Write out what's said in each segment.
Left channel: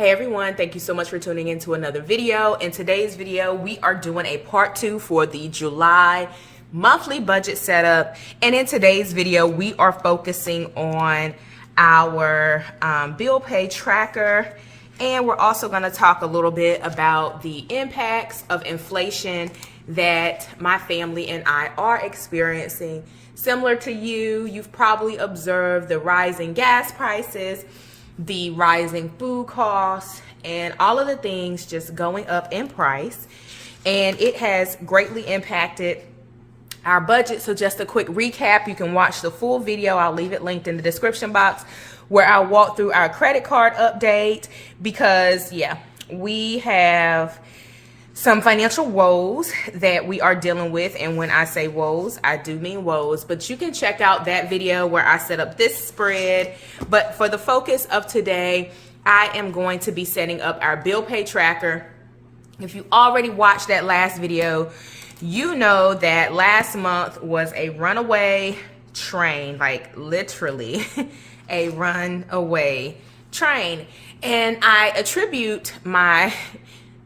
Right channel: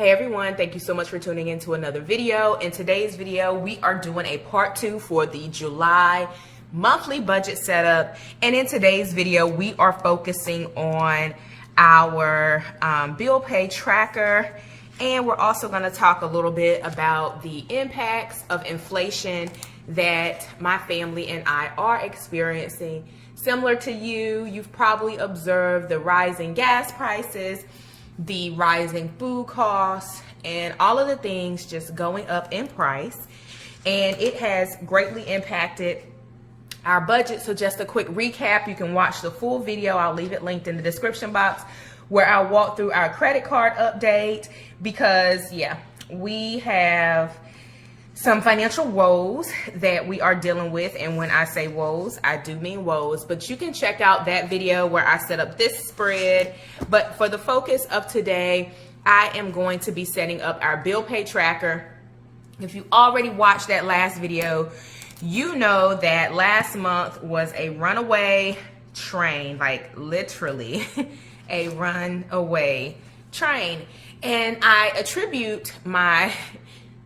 Hey everyone, thank you so much for tuning in to another video. In today's video, we are doing a part 2 for the July monthly budget setup. And in today's video, we are focusing on our bill pay tracker. And we're also going to talk a little bit about the impacts of inflation that my family and I are experiencing. Similar to you, you've probably observed the rising gas prices, the rising food costs, and all of the things just going up in price. And it has greatly impacted our budget. So just a quick recap, you can watch the full video. I'll leave it linked in the description box where I'll walk through our credit card update because we have some financial woes that we are dealing with. And when I say woes, I do mean woes, but you can check out that video where I set up this spread. But for the focus of today, I am going to be setting up our bill pay tracker. If you already watched that last video, you know that last month was a runaway train, like literally a runaway train. And I attribute my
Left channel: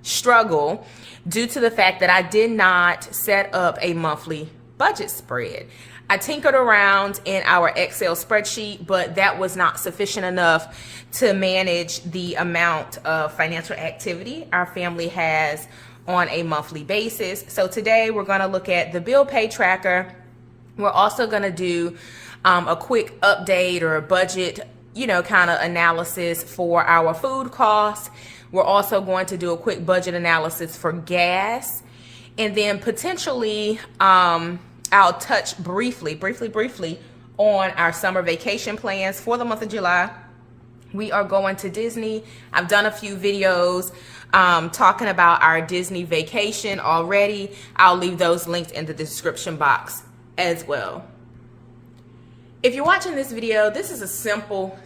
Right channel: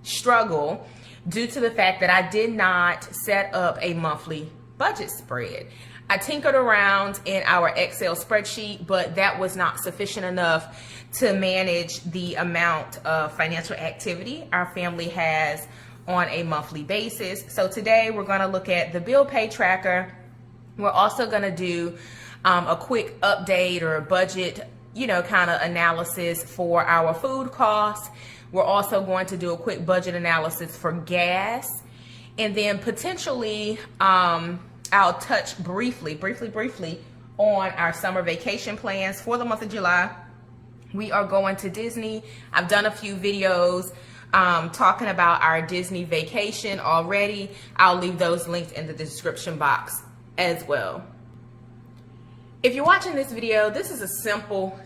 struggle due to the fact that I did not set up a monthly budget spread. I tinkered around in our Excel spreadsheet, but that was not sufficient enough to manage the amount of financial activity our family has on a monthly basis. So today we're going to look at the bill pay tracker. We're also going to do a quick update or a budget, kind of analysis for our food costs. We're also going to do a quick budget analysis for gas. And then potentially, I'll touch briefly on our summer vacation plans for the month of July. We are going to Disney. I've done a few videos talking about our Disney vacation already. I'll leave those linked in the description box as well. If you're watching this video, this is a simple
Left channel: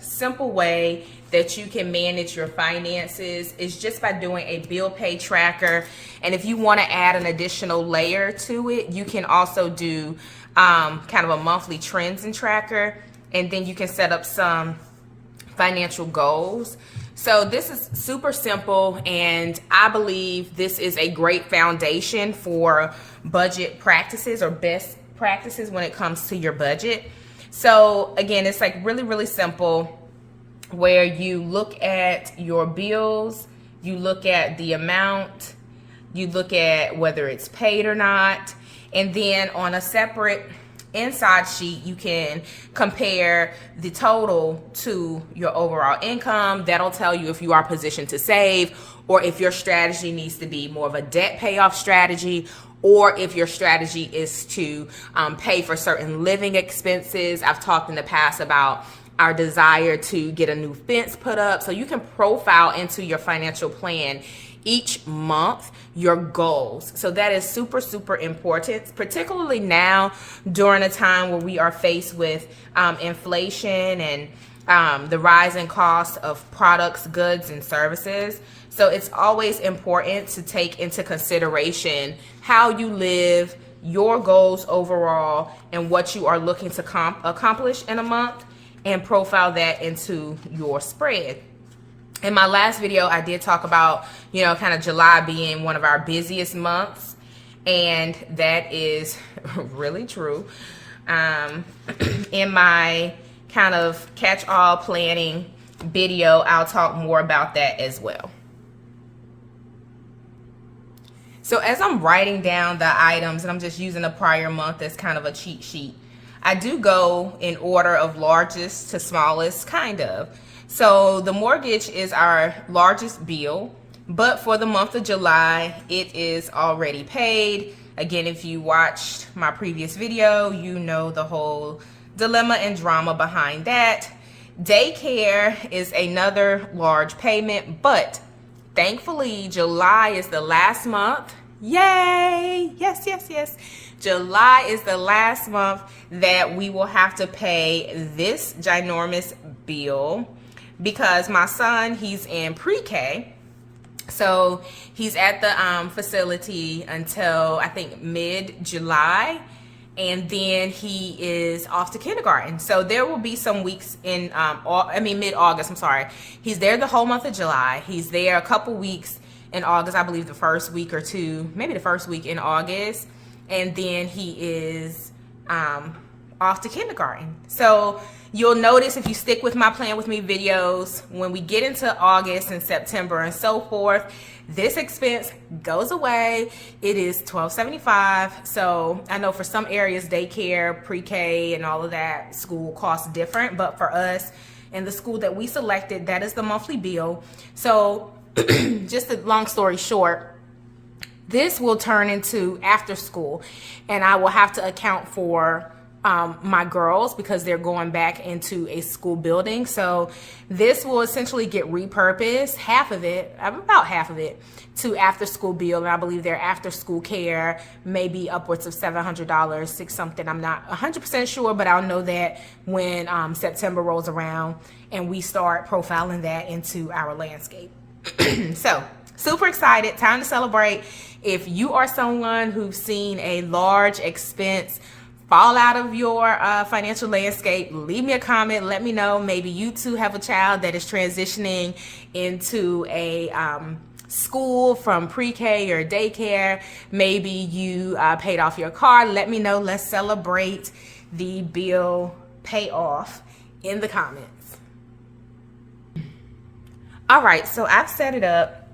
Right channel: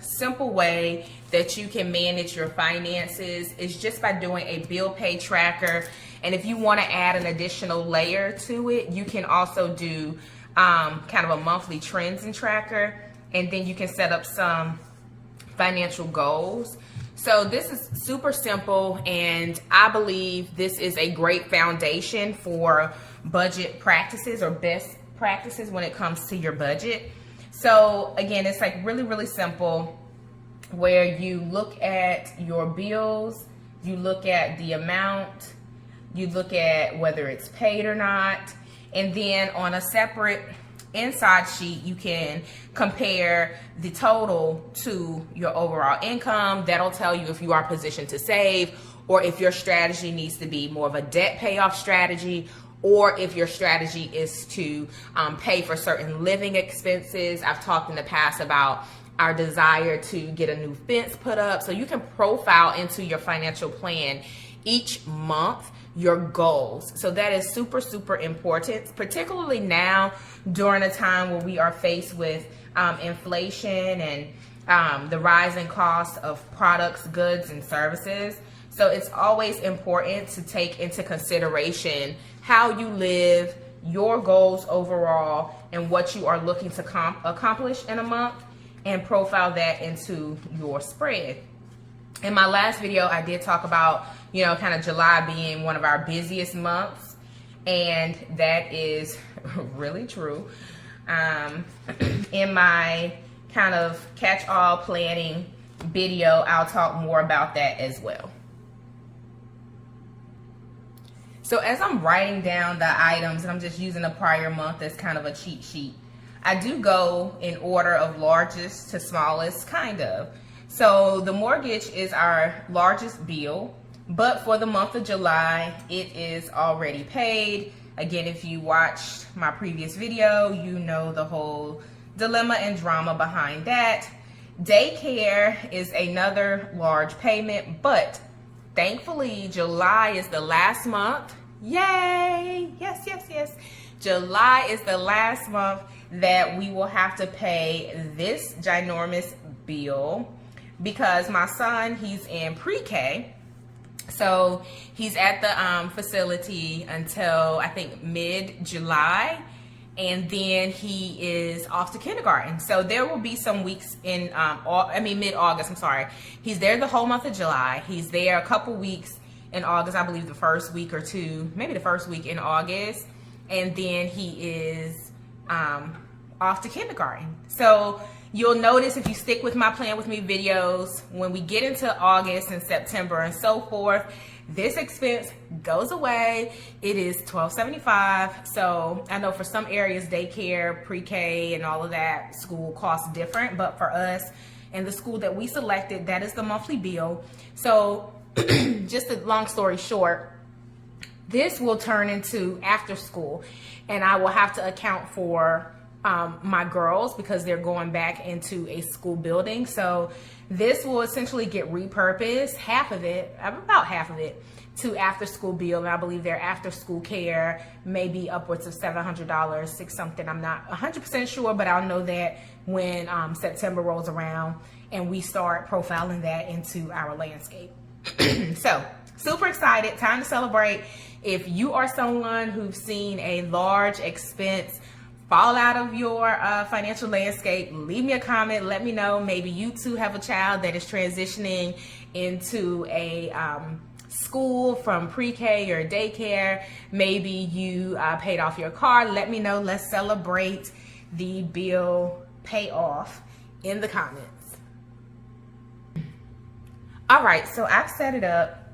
way that you can manage your finances. Is just by doing a bill pay tracker. And if you want to add an additional layer to it, you can also do kind of a monthly trends and tracker. And then you can set up some financial goals. So this is super simple, and I believe this is a great foundation for budget practices or best practices when it comes to your budget. So again, it's like really simple, where you look at your bills, you look at the amount, you look at whether it's paid or not, and then on a separate inside sheet, you can compare the total to your overall income. That'll tell you if you are positioned to save, or if your strategy needs to be more of a debt payoff strategy, or if your strategy is to pay for certain living expenses. I've talked in the past about our desire to get a new fence put up. So you can profile into your financial plan each month your goals. So that is super important, particularly now during a time where we are faced with inflation and the rising cost of products, goods, and services. So it's always important to take into consideration how you live, your goals overall, and what you are looking to accomplish in a month, and profile that into your spread. In my last video, I did talk about, kind of July being one of our busiest months, and that is really true. In my kind of catch-all planning video, I'll talk more about that as well. So as I'm writing down the items, and I'm just using the prior month as kind of a cheat sheet, I do go in order of largest to smallest, kind of. So the mortgage is our largest bill, but for the month of July, it is already paid. Again, if you watched my previous video, you know the whole dilemma and drama behind that. Daycare is another large payment, but thankfully, July is the last month. Yay! Yes. July is the last month that we will have to pay this ginormous bill because my son, he's in pre-K. So he's at the facility until I think mid-July. and then he is off to kindergarten. So there will be some weeks in mid-August, I'm sorry. He's there the whole month of July. He's there a couple weeks in August, I believe the first week or two, maybe the first week in August, and then he is off to kindergarten. So you'll notice, if you stick with my Plan With Me videos, when we get into August and September and so forth, this expense goes away. It is $12.75. So I know for some areas, daycare, pre-K, and all of that school costs different, but for us and the school that we selected, that is the monthly bill. So just a long story short, this will turn into after school, and I will have to account for my girls because they're going back into a school building. So this will essentially get repurposed, about half of it, to after school bill. And I believe their after school care may be upwards of $700, six something. I'm not 100% sure, but I'll know that when September rolls around and we start profiling that into our landscape. So super excited, time to celebrate. If you are someone who's seen a large expense fall out of your financial landscape, leave me a comment. Let me know. Maybe you too have a child that is transitioning into a school from pre-K or daycare. Maybe you paid off your car. Let me know. Let's celebrate the bill payoff in the comments. All right, so I've set it up.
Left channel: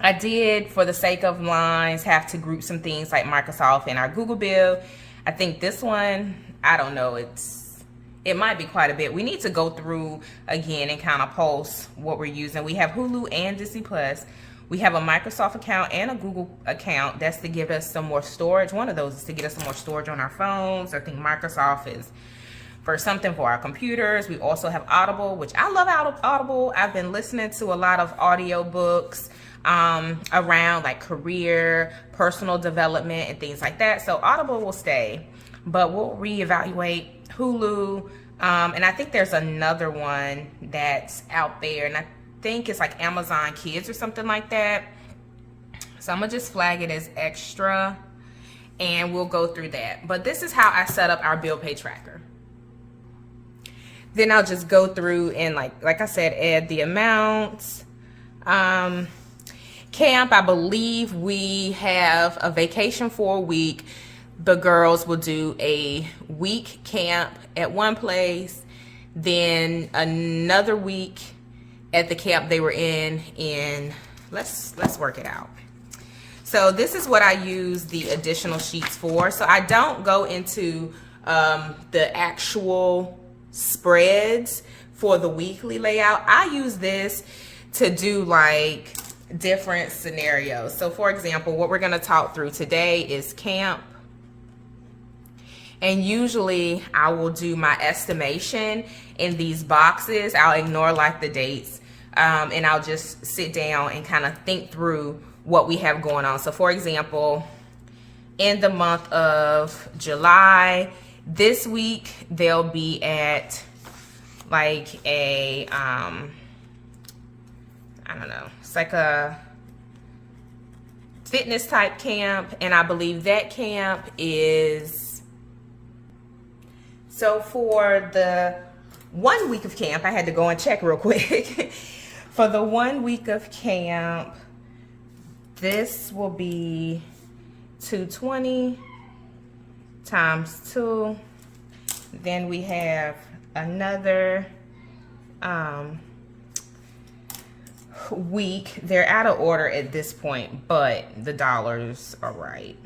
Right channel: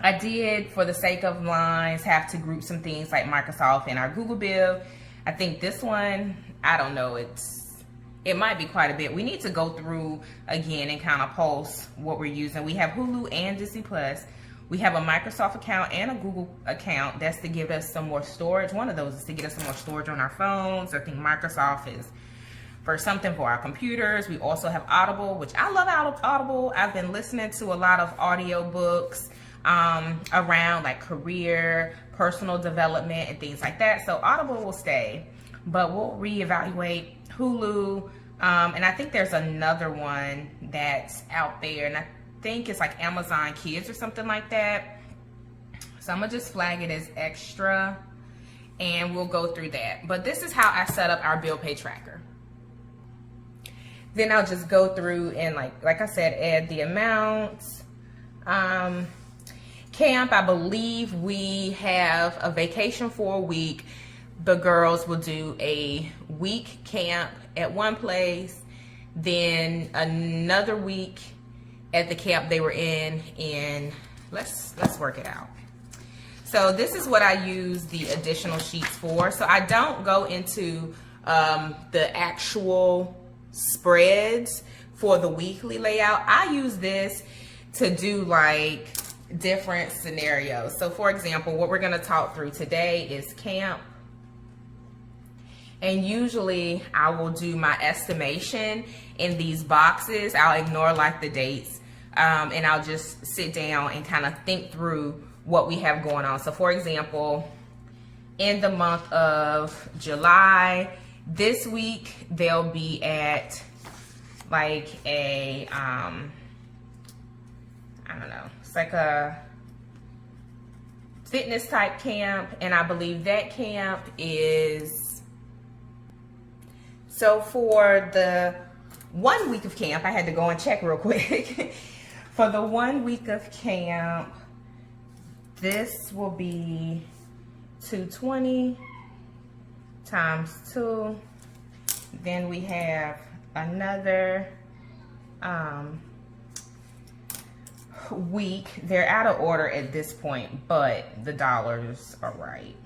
I did, for the sake of lines, have to group some things like Microsoft and our Google bill. I think this one, I don't know, it might be quite a bit. We need to go through again and kind of post what we're using. We have Hulu and Disney Plus. We have a Microsoft account and a Google account. That's to give us some more storage. One of those is to get us some more storage on our phones. I think Microsoft is for something for our computers. We also have Audible, which I love Audible. I've been listening to a lot of audiobooks around like career, personal development, and things like that. So Audible will stay, but we'll reevaluate Hulu. And I think there's another one that's out there, and I think it's like Amazon Kids or something like that. So I'm gonna just flag it as extra, and we'll go through that. But this is how I set up our bill pay tracker. Then I'll just go through and like I said, add the amounts. Camp, I believe we have a vacation for a week. The girls will do a week camp at one place, then another week at the camp they were in let's work it out. So this is what I use the additional sheets for. So I don't go into the actual spreads for the weekly layout. I use this to do like different scenarios. So for example, what we're going to talk through today is camp, and usually I will do my estimation in these boxes. I'll ignore like the dates, and I'll just sit down and kind of think through what we have going on. So for example, in the month of July, this week they'll be at like a I don't know, it's like a fitness type camp, and I believe that camp is, so for the 1 week of camp, I had to go and check real quick. For the 1 week of camp, this will be 220 times 2. Then we have another week. They're out of order at this point, but the dollars are right.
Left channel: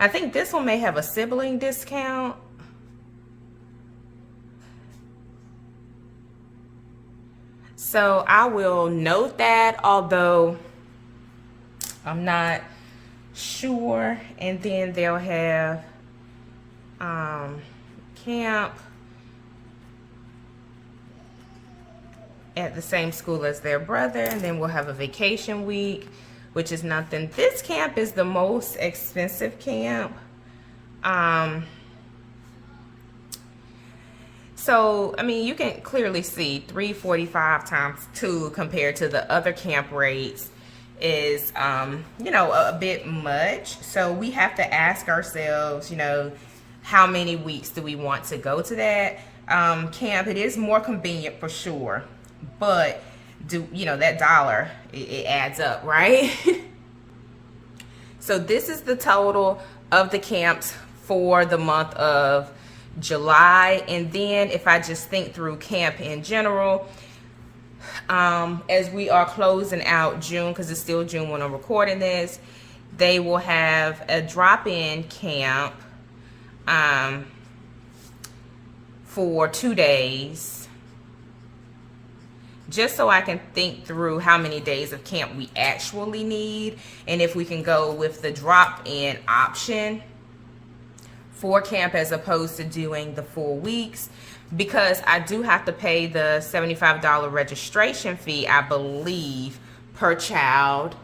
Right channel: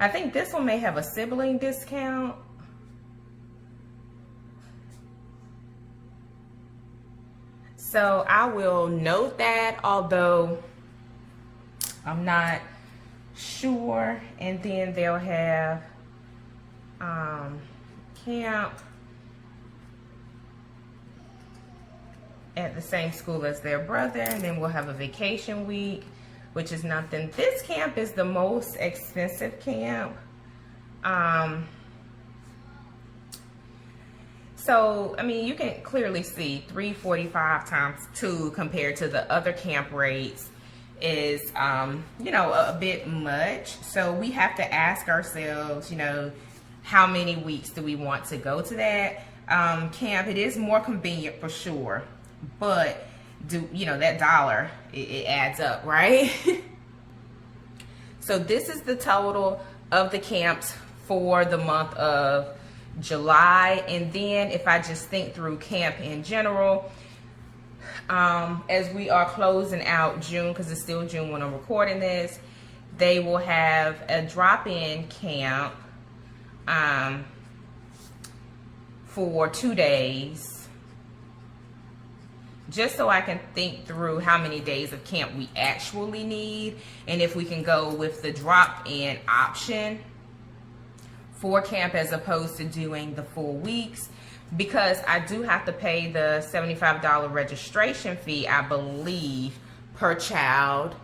I think this one may have a sibling discount. So I will note that, although I'm not sure. And then they'll have camp at the same school as their brother, and then we'll have a vacation week, which is nothing. This camp is the most expensive camp. So I mean, you can clearly see $345 times 2 compared to the other camp rates is you know, a bit much. So we have to ask ourselves, you know, how many weeks do we want to go to that camp. It is more convenient for sure, but that dollar, it adds up, right? So this is the total of the camps for the month of July. And then if I just think through camp in general, as we are closing out June, because it's still June when I'm recording this, they will have a drop-in camp for 2 days, just so I can think through how many days of camp we actually need, and if we can go with the drop-in option for camp as opposed to doing the full weeks, because I do have to pay the $75 registration fee, I believe, per child.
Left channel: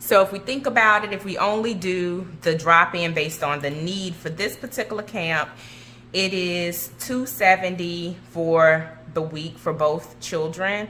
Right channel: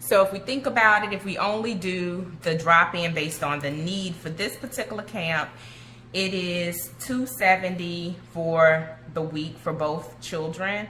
So if we think about it, if we only do the drop-in based on the need for this particular camp, it is $270 for the week for both children,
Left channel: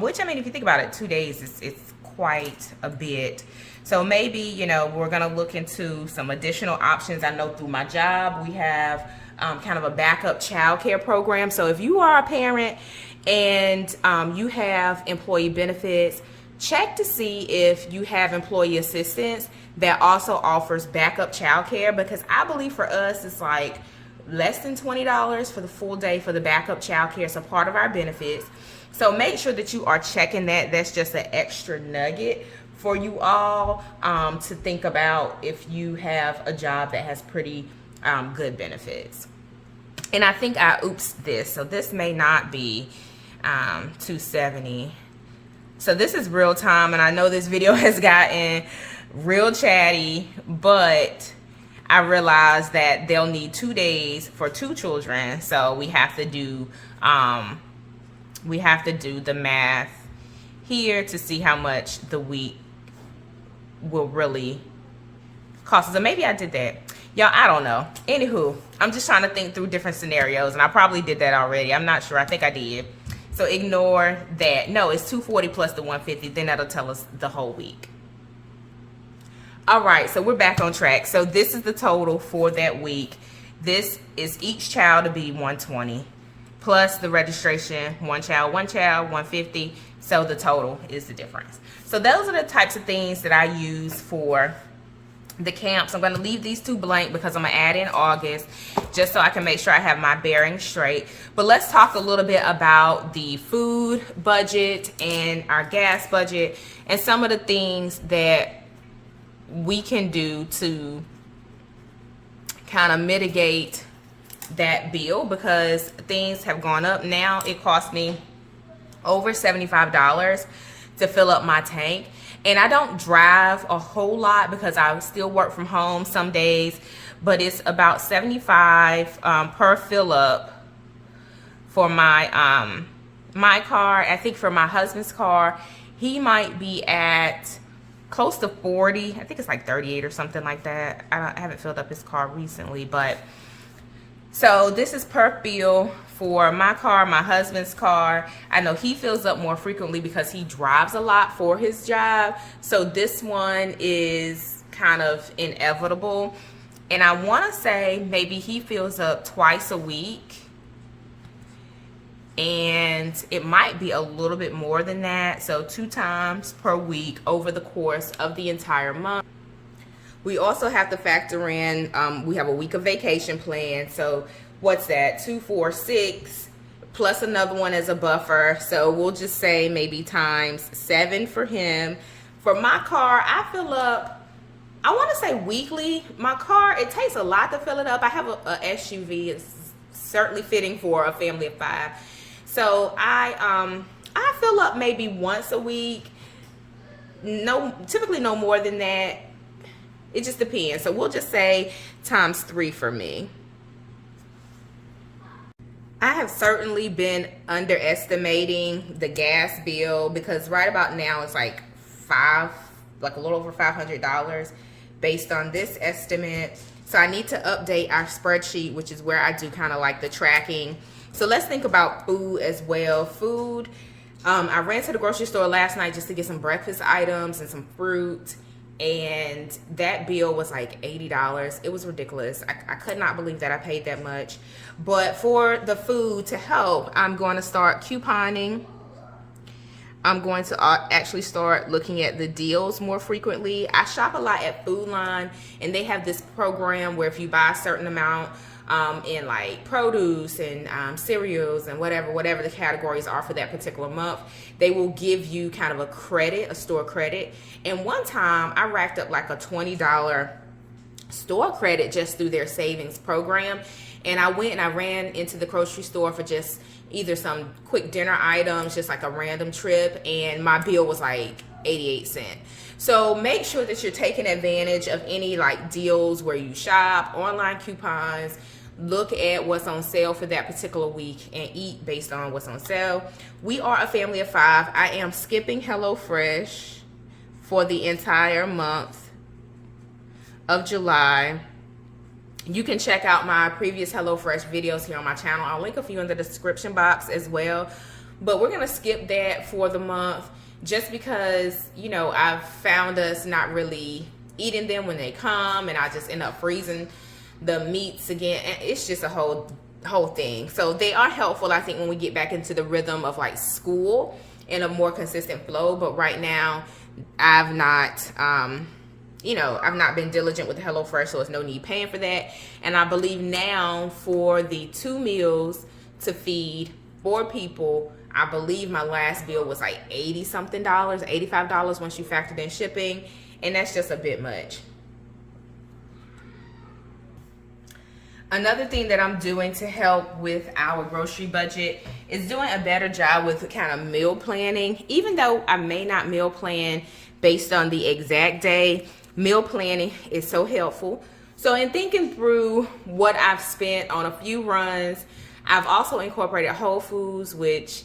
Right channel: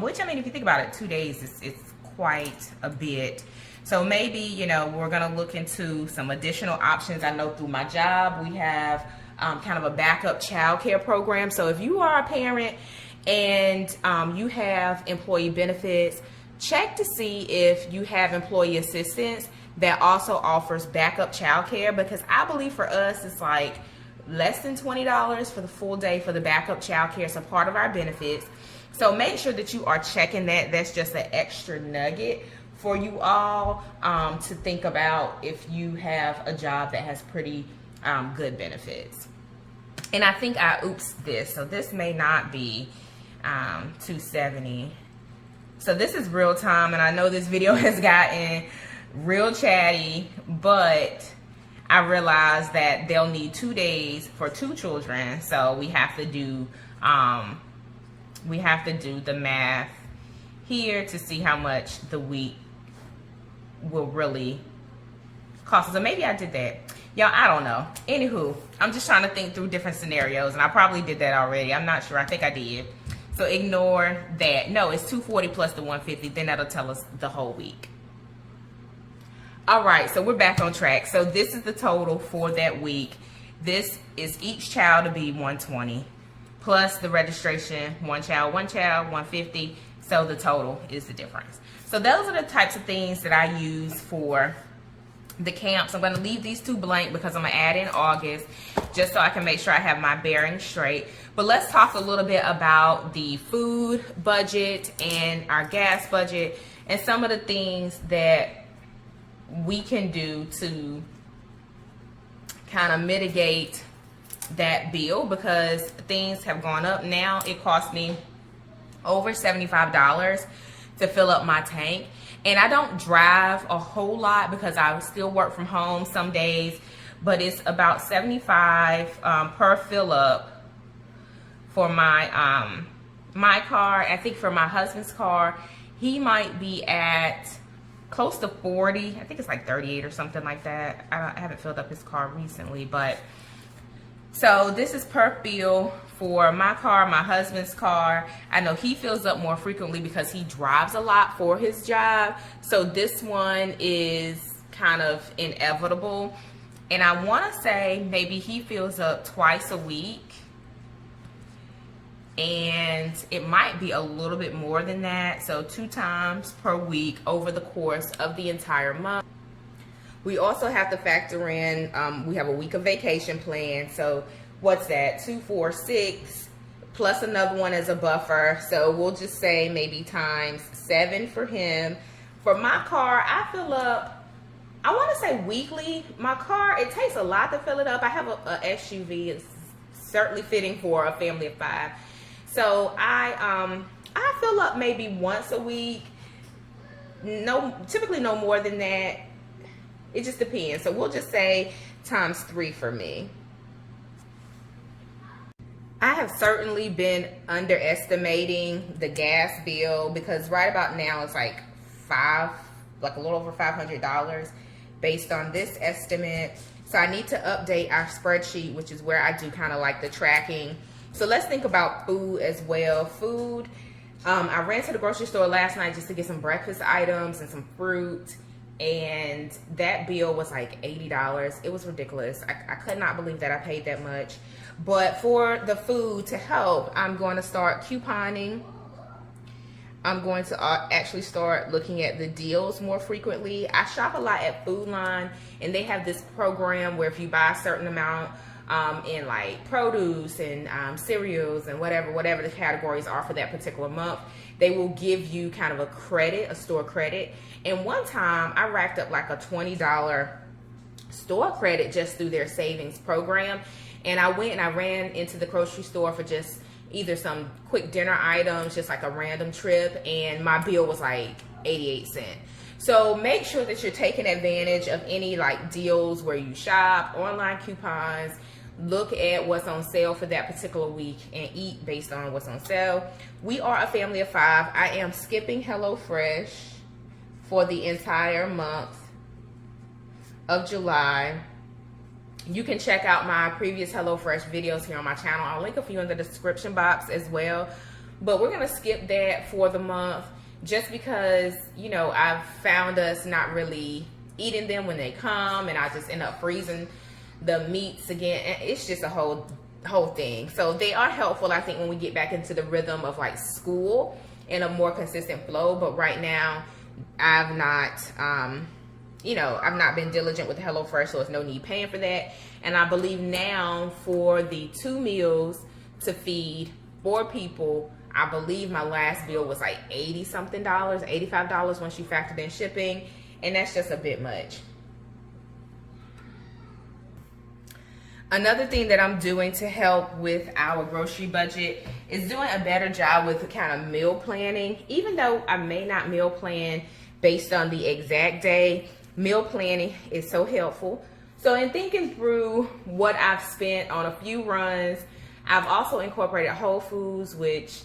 which, I mean, if you think about it, 2 days, it's quite a bit. So maybe, we're going to look into some additional options. I know through my job, we have kind of a backup childcare program. So if you are a parent and you have employee benefits, check to see if you have employee assistance that also offers backup childcare, because I believe for us, it's like less than $20 for the full day for the backup childcare. So part of our benefits. So make sure that you are checking that. That's just an extra nugget for you all to think about if you have a job that has pretty good benefits. And I think I oopsed this, so this may not be $270. So this is real time, and I know this video has gotten real chatty, but I realized that they'll need 2 days for 2 children, so we have to do the math here to see how much the week will really cost us. So maybe I did that. Y'all, I don't know. Anywho, I'm just trying to think through different scenarios, and I probably did that already. I'm not sure. I think I did. So ignore that. No, it's $240 plus the $150. Then that'll tell us the whole week. All right, so we're back on track. So this is the total for that week. This is each child to be $120 plus the registration, one child, $150. So the total is the difference. So those are the types of things that I use for the camps. I'm going to leave these 2 blank because I'm going to add in August just so I can make sure I have my bearings straight. But let's talk a little bit about the food budget and our gas budget and some of the things that we can do to kind of mitigate that bill, because things have gone up. Now it costs me over $75 to fill up my tank. And I don't drive a whole lot because I still work from home some days, but it's about $75 per fill up for my my car. I think for my husband's car, he might be at close to 40. I think it's like 38 or something like that. I haven't filled up his car recently, but so this is per fill for my car, my husband's car. I know he fills up more frequently because he drives a lot for his job. So this one is kind of inevitable. And I want to say maybe he fills up twice a week. And it might be a little bit more than that. So 2 times per week over the course of the entire month. We also have to factor in, we have a week of vacation plan. So what's that? 2, 4, 6 plus another one as a buffer. So we'll just say maybe times 7 for him. For my car, I fill up, I want to say weekly. My car, it takes a lot to fill it up. I have a SUV. It's certainly fitting for a family of 5. So I fill up maybe once a week. Typically no more than that. It just depends. So we'll just say times 3 for me. I have certainly been underestimating the gas bill, because right about now it's like a little over $500 based on this estimate. So I need to update our spreadsheet, which is where I do kind of like the tracking. So let's think about food as well. Food, I ran to the grocery store last night just to get some breakfast items and some fruit. and that bill was like $80. It was ridiculous. I could not believe that I paid that much. But for the food to help, I'm going to start couponing. I'm going to actually start looking at the deals more frequently. I shop a lot at Food Line, and they have this program where if you buy a certain amount in like produce and cereals and whatever the categories are for that particular month, they will give you kind of a credit, a store credit. And one time I racked up like a $20 store credit just through their savings program. And I went and I ran into the grocery store for just either some quick dinner items, just like a random trip, and my bill was like 88 cents. So make sure that you're taking advantage of any like deals where you shop, online coupons, look at what's on sale for that particular week and eat based on what's on sale. We are a family of 5. I am skipping HelloFresh for the entire month of July. You can check out my previous HelloFresh videos here on my channel. I'll link a few in the description box as well. But we're gonna skip that for the month just because, you know, I've found us not really eating them when they come, and I just end up freezing the meats again. And it's just a whole thing. So they are helpful, I think, when we get back into the rhythm of like school and a more consistent flow. But right now, I've not been diligent with HelloFresh, so there's no need paying for that. And I believe now for the 2 meals to feed 4 people, I believe my last bill was like $80 something, $85 once you factored in shipping, and that's just a bit much. Another thing that I'm doing to help with our grocery budget is doing a better job with kind of meal planning. Even though I may not meal plan based on the exact day, meal planning is so helpful. So in thinking through what I've spent on a few runs, I've also incorporated Whole Foods, which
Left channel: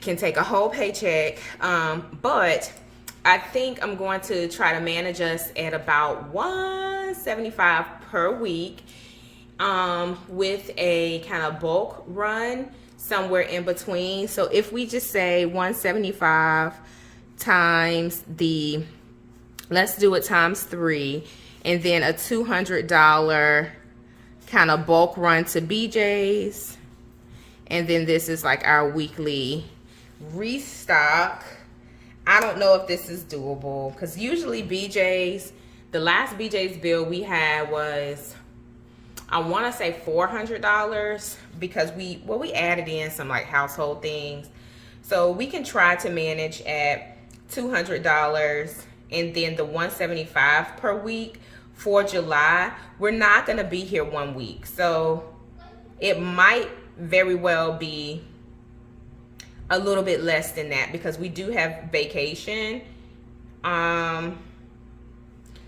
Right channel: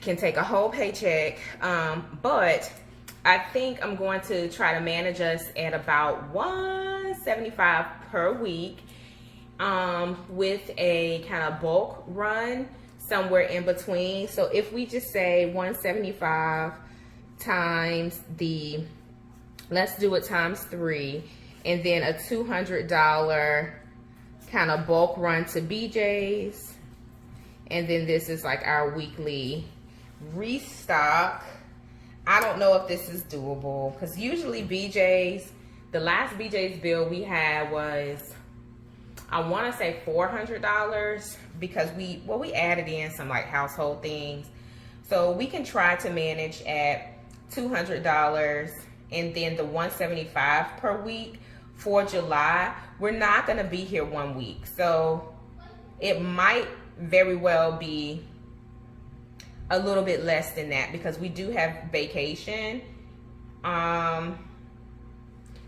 can take a whole paycheck. But I think I'm going to try to manage us at about $175 per week, with a kind of bulk run somewhere in between. So if we just say 175 times let's do it times 3, and then a $200 kind of bulk run to BJ's, and then this is like our weekly restock. I don't know if this is doable because usually BJ's, the last BJ's bill we had was, I want to say $400 because we added in some like household things. So we can try to manage at $200 and then the $175 per week for July. We're not going to be here 1 week. So it might very well be a little bit less than that because we do have vacation.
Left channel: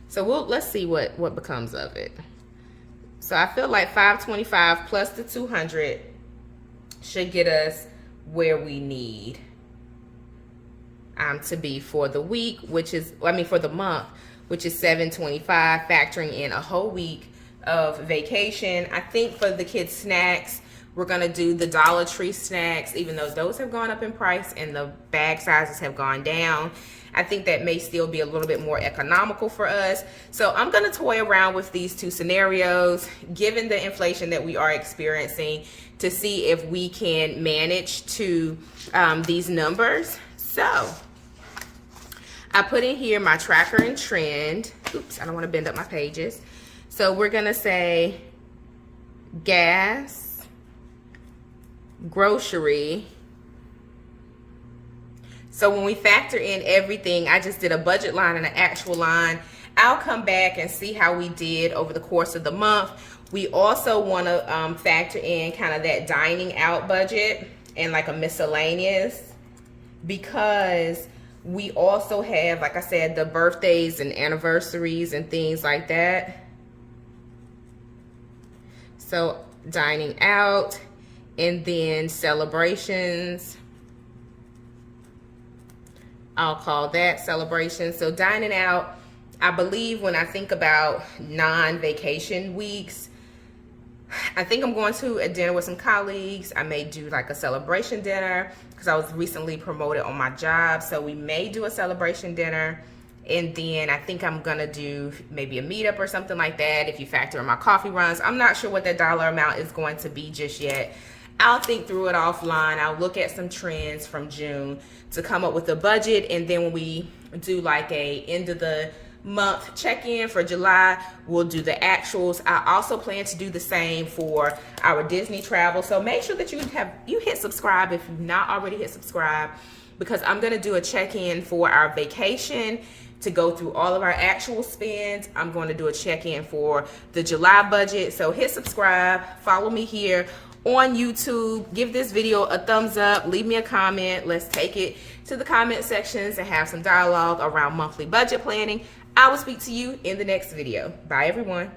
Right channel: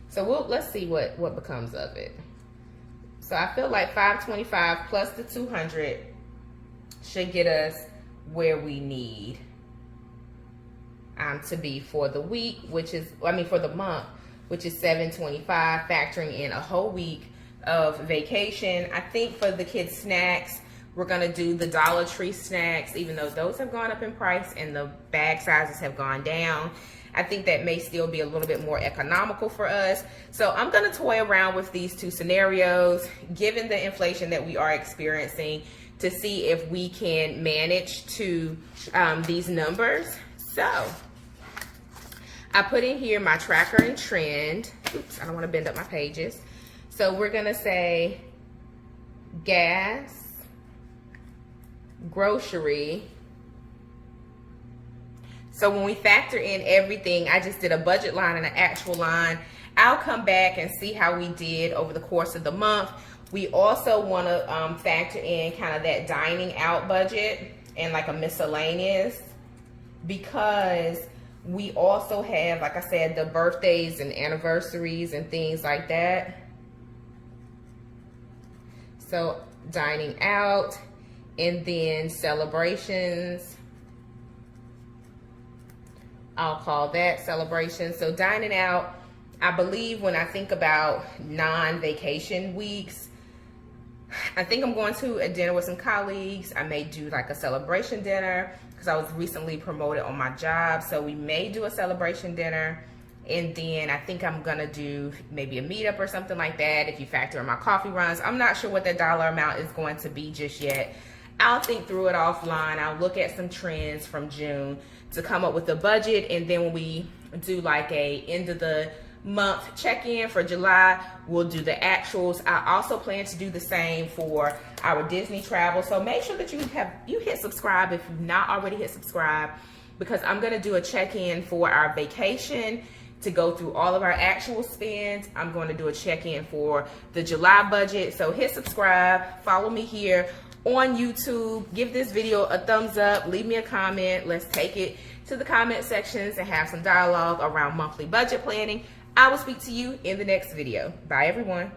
So let's see what becomes of it. So I feel like $525 plus the $200 should get us where we need to be for the week, for the month, which is $725, factoring in a whole week of vacation. I think for the kids' snacks, we're gonna do the Dollar Tree snacks, even though those have gone up in price and the bag sizes have gone down. I think that may still be a little bit more economical for us. So I'm gonna toy around with these 2 scenarios, given the inflation that we are experiencing, to see if we can manage to these numbers. So I put in here my tracker and trend. Oops, I don't wanna bend up my pages. So we're gonna say gas, grocery. So when we factor in everything, I just did a budget line and an actual line. I'll come back and see how we did over the course of the month. We also want to factor in kind of that dining out budget and like a miscellaneous, because we also have, like I said, the birthdays and anniversaries and things like that. So dining out, and then celebrations. I'll call that celebration. So dining out, I believe when I think about non-vacation weeks, I think I'm going to a dinner with some colleagues. I may do like a celebration dinner because I was recently promoted on my job. So we may do a celebration dinner. And then I think I'm gonna do maybe a meetup or something like that if you factor in my coffee runs. I'm not sure what the dollar amount is going to be just yet. I'll think through it offline. I'll look at some trends from June to come up with a budget, and then when we do like a end of the month check-in for July, we'll do the actuals. I also plan to do the same for our Disney travel, so make sure that you hit subscribe if you've not already hit subscribe, because I'm going to do a check-in for our vacation to go through all of our actual spends. I'm going to do a check-in for the July budget, so hit subscribe, follow me here on YouTube, give this video a thumbs up, leave me a comment. Let's take it to the comment sections and have some dialogue around monthly budget planning. I will speak to you in the next video. Bye, everyone.